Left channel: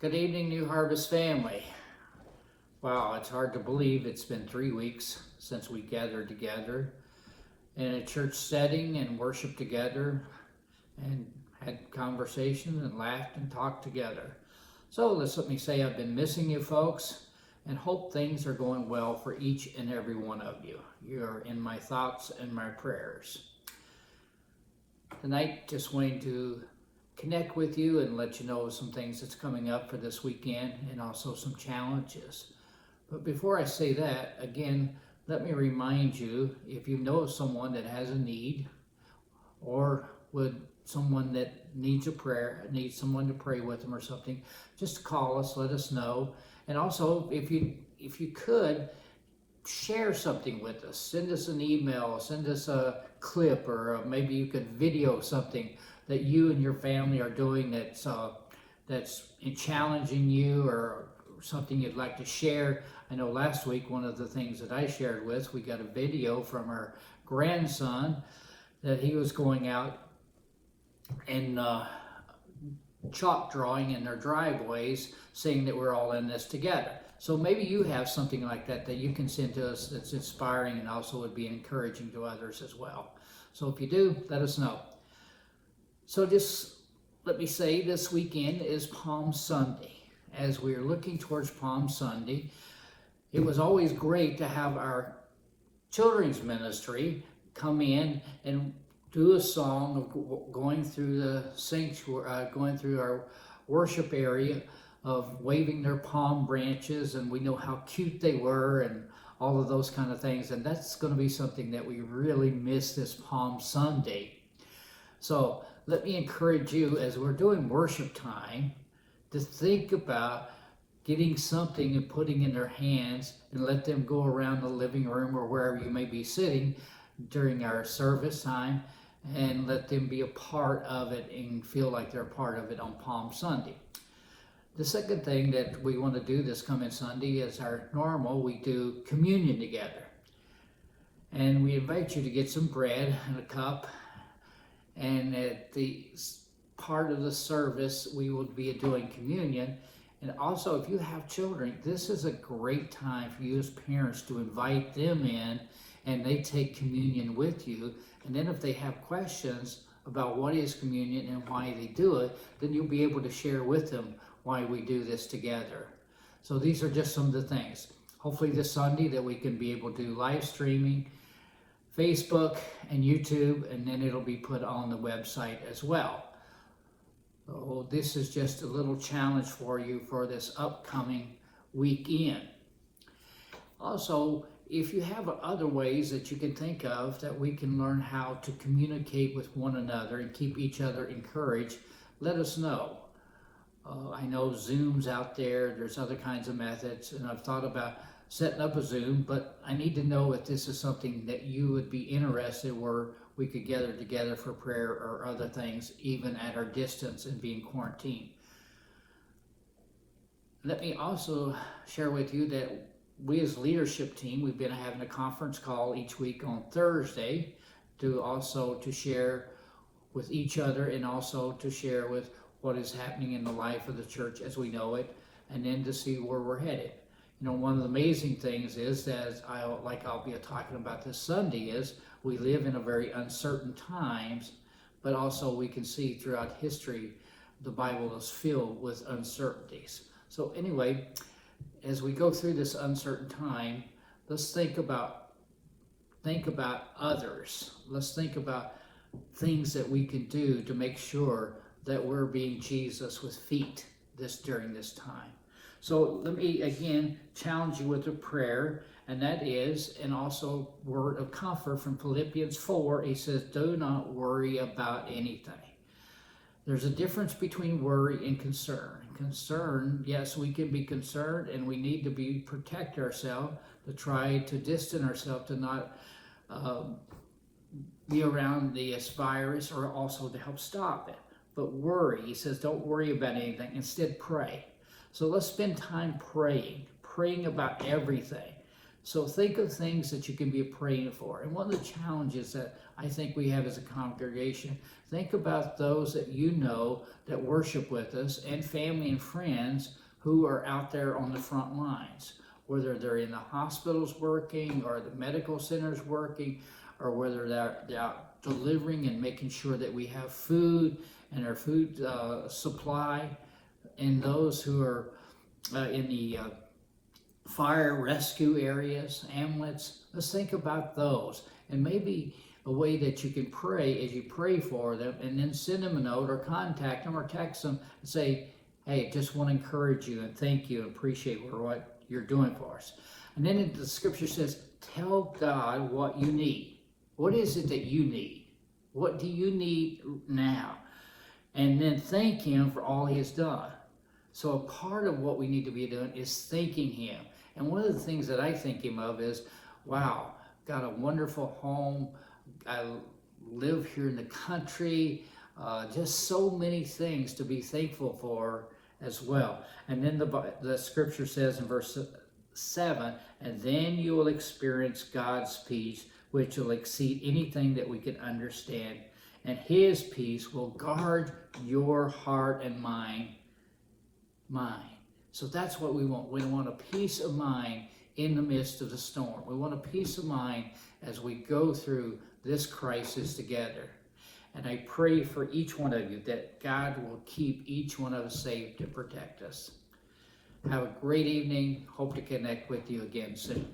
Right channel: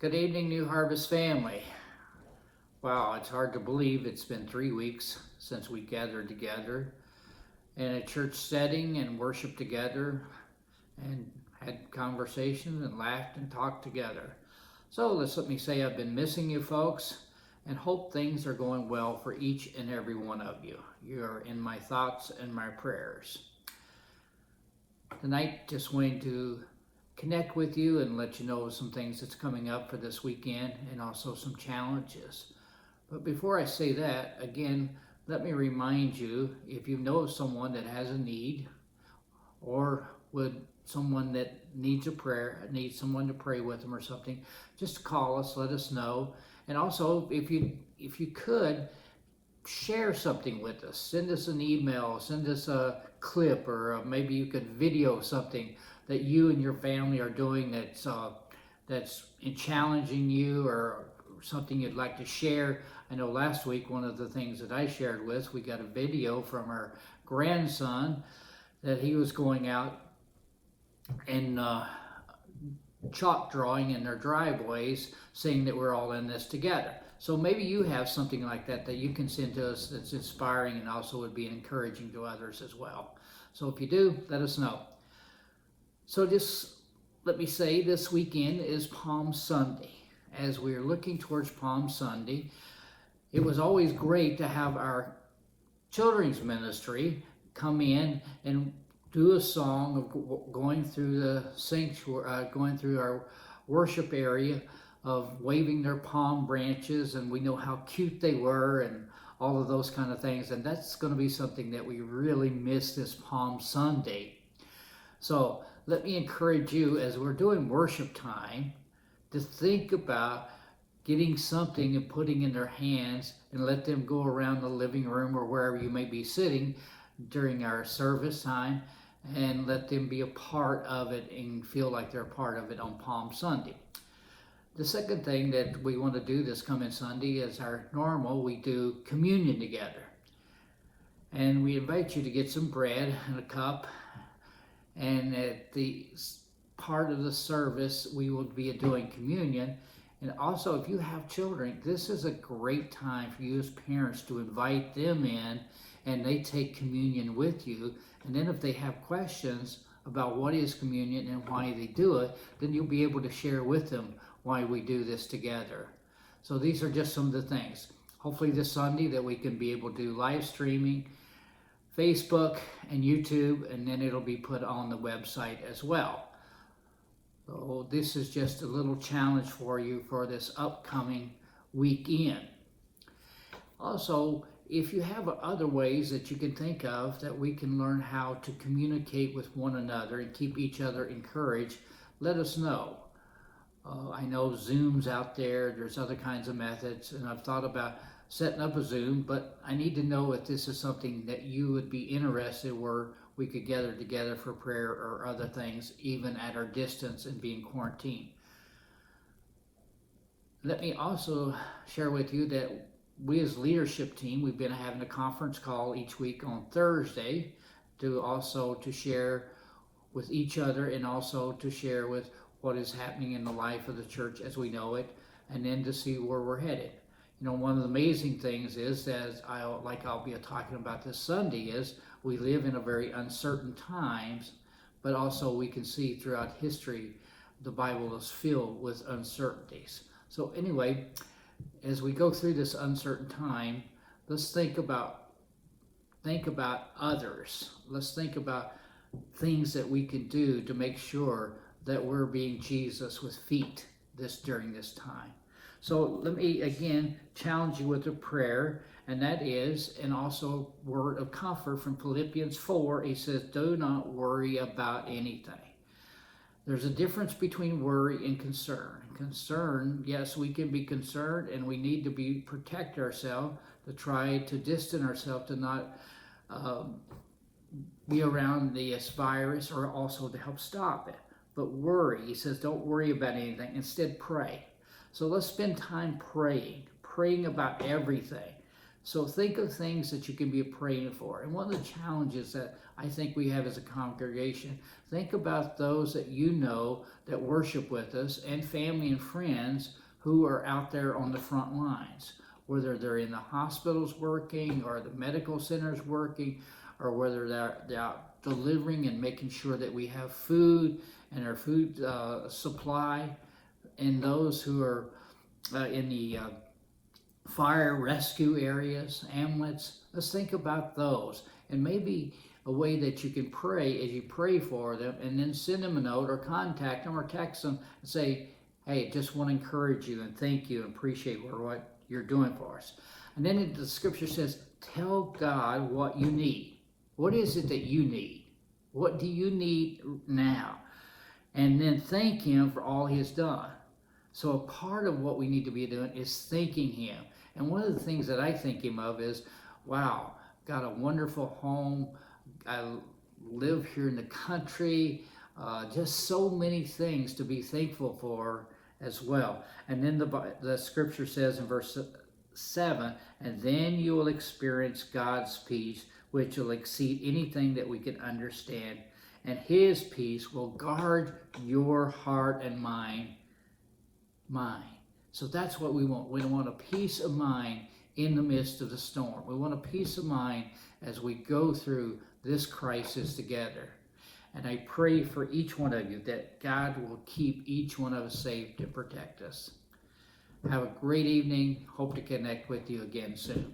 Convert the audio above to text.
Good evening, New Harvest family. Wow, it's hard to believe it's been 3 weeks since we gathered together in a church setting and worshiped together and had conversations and laughed and talked together. So let me say I've been missing you folks and hope things are going well for each and every one of you. You're in my thoughts and my prayers. Tonight, just going to connect with you and let you know some things that's coming up for this weekend and also some challenges. But before I say that, again, let me remind you, if you know of someone that has a need or someone that needs a prayer, needs someone to pray with them or something, just call us, let us know. And also, if you could, share something with us. Send us an email, send us a clip, or maybe you could video something that you and your family are doing that's challenging you, or something you'd like to share. I know last week one of the things that I shared we got a video from our grandson that he was going out and chalk drawing in their driveways, saying that we're all in this together. So maybe you have something like that you can send to us that's inspiring and also would be encouraging to others as well. So if you do, let us know. So just let me say, this weekend is Palm Sunday. As we're looking towards Palm Sunday, it was always great to have our children's ministry come in and do a song of going through the sanctuary, going through our worship area, of waving their palm branches, and we know how cute they were and all of those kind of things. And that's going to be something that we really miss this Palm Sunday. So let me encourage you, as we're doing worship time, to think about getting something and putting in their hands and let them go around the living room or wherever you may be sitting during our service time, and let them be a part of it and feel like they're a part of it on Palm Sunday. The second thing that we want to do this coming Sunday is our normal, we do communion together. And we invite you to get some bread and a cup. And at the part of the service, we will be doing communion. And also, if you have children, this is a great time for you as parents to invite them in, and they take communion with you. And then if they have questions about what is communion and why they do it, then you'll be able to share with them why we do this together. So these are just some of the things. Hopefully this Sunday that we can be able to do live streaming, Facebook and YouTube, and then it'll be put on the website as well. So this is just a little challenge for you for this upcoming weekend. Also, if you have other ways that you can think of that we can learn how to communicate with one another and keep each other encouraged, let us know. I know Zoom's out there, there's other kinds of methods, and I've thought about setting up a Zoom, but I need to know if this is something that you would be interested where we could gather together for prayer or other things, even at our distance and being quarantined. Let me also share with you that we as leadership team, we've been having a conference call each week on Thursday to share with each other, and also to share with what is happening in the life of the church as we know it, and then to see where we're headed. You know, one of the amazing things is that I'll be talking about this Sunday is we live in a very uncertain times, but also we can see throughout history the Bible is filled with uncertainties. So anyway, as we go through this uncertain time, let's think about others. Let's think about things that we can do to make sure that we're being Jesus with feet during this time. So let me again challenge you with a prayer, and that is, and also word of comfort from Philippians 4. He says, do not worry about anything. There's a difference between worry and concern. Concern, yes, we can be concerned, and we need to protect ourselves, to try to distance ourselves, to not be around this virus, or also to help stop it. But worry, he says, don't worry about anything. Instead, pray. So let's spend time praying about everything. So think of things that you can be praying for. And one of the challenges that I think we have as a congregation. Think about those that you know that worship with us, and family and friends who are out there on the front lines, whether they're in the hospitals working or the medical centers working, or whether they're out delivering and making sure that we have food and our food supply, and those who are in the fire rescue areas, ambulance. Let's think about those, and maybe a way that you can pray as you pray for them, and then send them a note or contact them or text them and say, hey, just want to encourage you and thank you and appreciate what you're doing for us. And then the scripture says, tell God what you need. What is it that you need? What do you need now? And then thank him for all he has done. So a part of what we need to be doing is thanking him. And one of the things that I thank him of is, wow, got a wonderful home. I live here in the country. Just so many things to be thankful for as well. And then the scripture says in verse 7, and then you will experience God's peace, which will exceed anything that we can understand. And his peace will guard your heart and mind. So that's what we want. We want a peace of mind in the midst of the storm. We want a peace of mind as we go through this crisis together. And I pray for each one of you that God will keep each one of us safe to protect us. Have a great evening. Hope to connect with you again soon.